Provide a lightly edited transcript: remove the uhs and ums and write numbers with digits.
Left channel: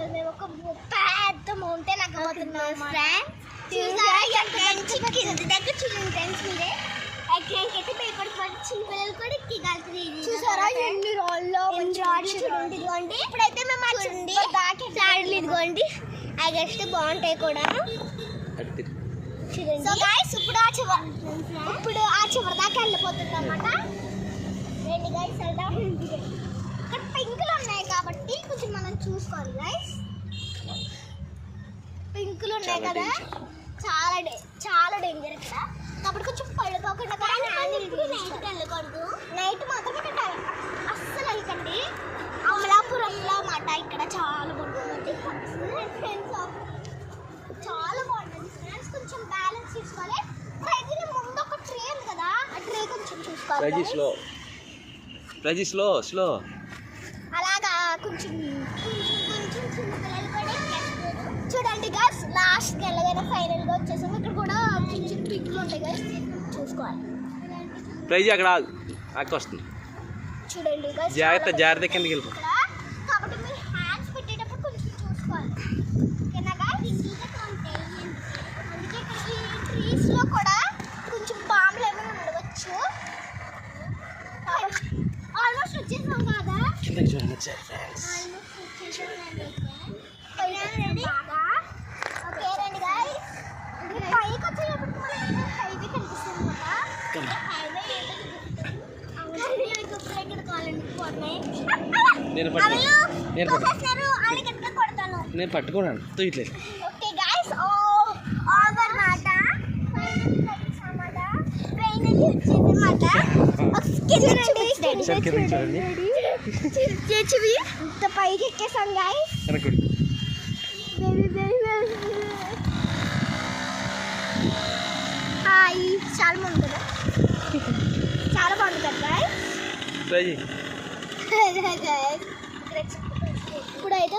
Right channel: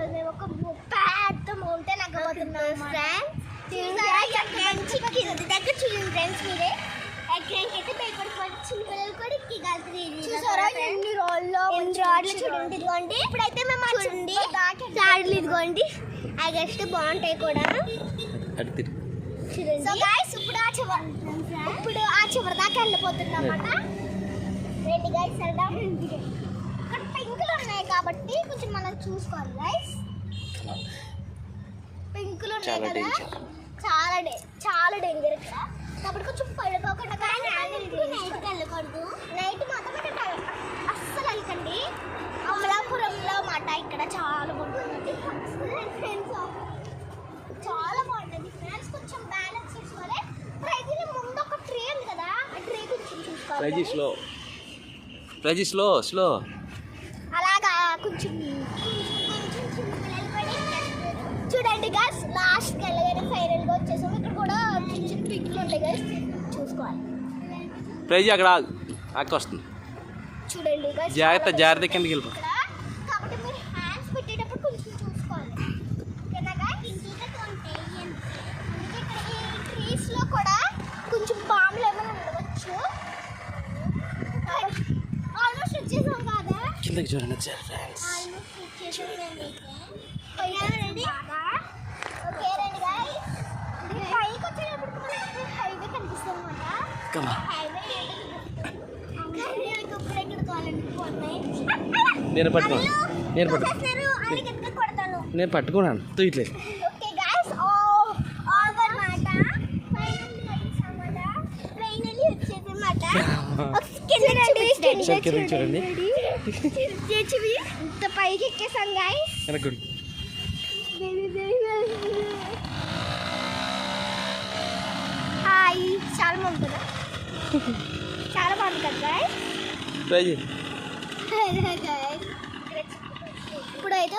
ఈరోజు మేము ఒక పెద్ద మౌంటైన్ ఎక్కబోతున్నాం ఫ్రెండ్స్. కింద దగ్గర చూడండి ఫ్రెండ్స్, మీరే ఎక్కడికైతే భయపడిపోయి చిన్న పిల్లలు కూడా ఎక్కగలుగుతారు. చూసారా ఎన్ని రాళ్ళు చూడండి. ఇదిగోండి ఇప్పుడైతే మేము చూడండి రాళ్ళు ఇదిగోండి అగస్ట్ బాగుంటాయి కూడా చూడండి. ఇప్పుడు ఆ చివరి దాకా వెళ్ళిపోతుంది అన్నమాట. రండి గైస్ వెళ్దాం. ఇక్కడ పింకులు ఉన్నాయి కాబట్టి కొంచెం మనం చూసుకోవాలి గైస్. పింకులు ఉన్నాయి కదా, చాలా డేంజర్ ఇక్కడ కాబట్టి కొంచెం పడిపోకుండా. నైట్ వెళ్ళకూడదు, నైట్ మాత్రం అస్సలు వెళ్ళకండి. అమలాపురంలో మాట ఇక్కడ చాలా బాగుంటుంది ఫ్రెండ్స్, చాలా బాగుంటుంది ఫ్రెండ్స్. కొంచెం బ్యాలెన్స్ చేసుకోవాలి. అయితే ముందు ఒక ట్రే ఉంది కదా, ఆ ట్రే కొంచెం చూసుకోవాలి. స్లో అలాగా కొంచెం చూడండి గైస్. లాస్ట్కి వెళ్ళగానే ఫైనల్గా వచ్చేసాము. ఇక్కడ కూడా చిన్న చిన్న పింకులు ఉంటాయి గైస్, చూసుకోవాలి. ప్రైజ్ అక్కడ వస్తుంది చూడండి గైస్, జాగ్రత్త కిందకి వెళ్ళిపో. కాబట్టి మీరు హ్యాండ్స్ పెట్టేటప్పుడు కొంచెం చూసుకోవాలి. ఓకేనా గైస్? అందుకే ఇక్కడ ఈ ట్రీస్లో కూడా కొంచెం పాములు ఏమైనా ఉండవచ్చు. ఆల్మోస్ట్ వచ్చేసాం కదా, కిందకి చూడండి ఒకసారి ఫ్రెండ్స్. ఆల్మోస్ట్ వచ్చేసాం రండి బాగా. ఓకే రండి గైస్, పైకి వచ్చేటప్పుడు మనకి హైవే కనిపిస్తుంది అన్నమాట. నేను పట్టుకున్నాను ఇట్లేదు. ఓకే గైస్, ఓవర్ మాట ఫైనల్లీ వచ్చేది మాట. ఇంత పైకి ఎక్కేసాం గైస్. హాయ్, చాలా బాగుంది కదా, చాలా బాగుంది కదా గైస్. ఇప్పుడైతే